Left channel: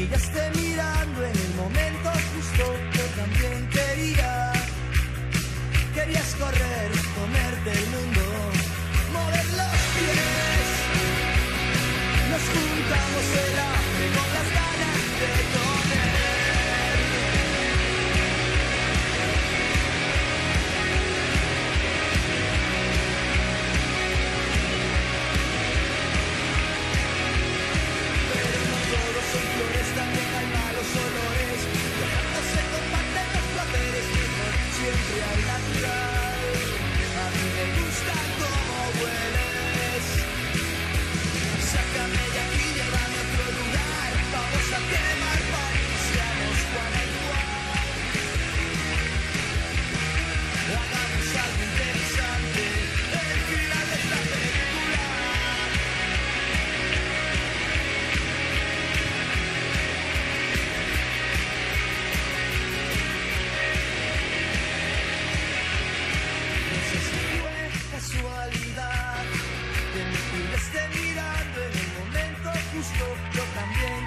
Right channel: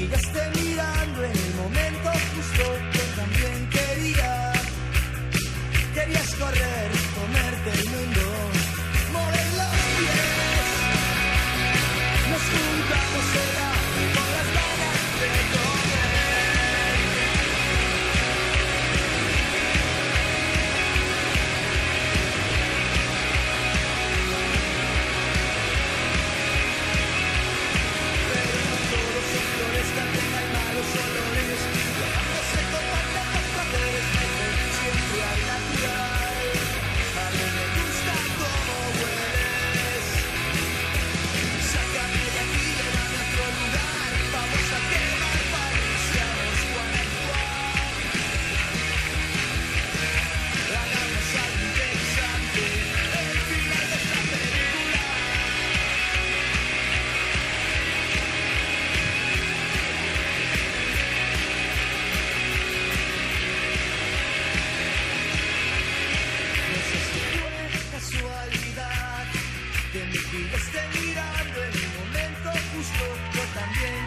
pillaste mirando en el momento justo. Yo también querías correr, comerte el mundo, mover los pies. Nos juntamos el hambre con las ganas de comer. Pero no todos son flores, también hay malos olores. Viajando se comparten los placeres, mejor siempre al natural. A mí me gusta cómo hueles. Sácame de aquí, llévame a otro lugar. Vamos a quemar París, seamos Juan y Juan. Hagamos algo interesante, el final de esta película. No sé si fue casualidad que me pillaste mirando en el momento justo. Yo también